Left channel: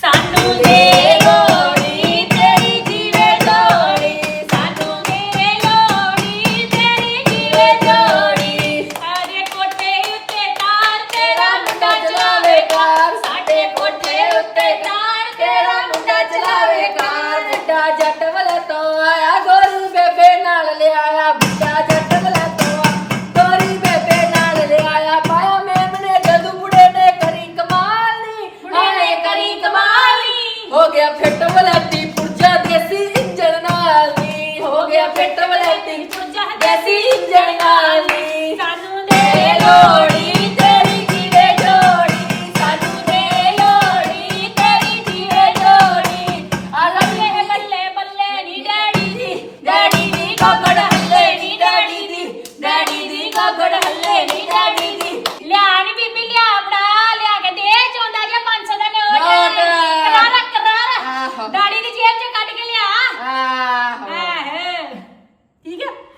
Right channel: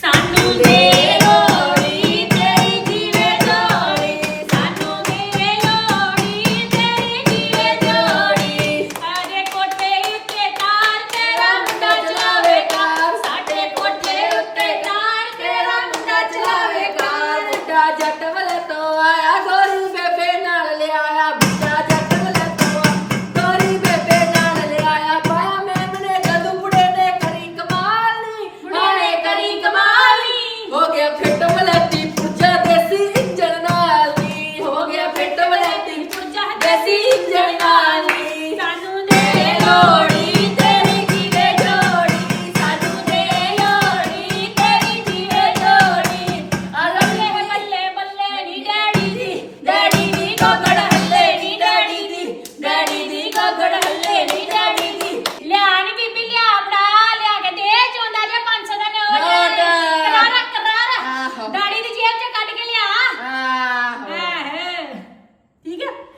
ਸਾਨੂੰ ਦੇ ਲੋੜੀ ਤੇਰੀ ਜੀਵੇ ਜੋੜੀ, ਸਾਨੂੰ ਦੇ ਲੋੜੀ ਤੇਰੀ ਜੀਵੇ ਜੋੜੀ। ਸਾਡੇ ਕੋਠੇ ਉੱਤੇ ਤਾਰ ਤੇਰਾ ਮੁੰਡਾ ਚਲਾਵੇ ਕਾਰ, ਸਾਡੇ ਕੋਠੇ ਉੱਤੇ ਤਾਰ ਤੇਰਾ ਮੁੰਡਾ ਚਲਾਵੇ ਕਾਰ। ਬੁੱਢਾ ਜੱਟ ਵਾਲੇ ਤੋਂ ਆਇਆ ਗੋਰੀ ਬੇਬੇ ਨਾਲ ਲਿਆਇਆ, ਬੁੱਢਾ ਜੱਟ ਵਾਲੇ ਤੋਂ ਗੋਰੀ ਬੇਬੇ ਨਾਲ ਲਿਆਇਆ। ਪਾਇਆ ਮੇਮਣੇ ਜਦੋਂ ਬੁੜੇ ਨੇ ਕਰੀ ਕਮਾਲ ਨੀ, ਬੁੜੇ ਨੇ ਕਰੀ ਕਮਾਲ ਨੀ, ਹੋ ਗਿਆ ਫਿੱਟ ਵਾਲਾ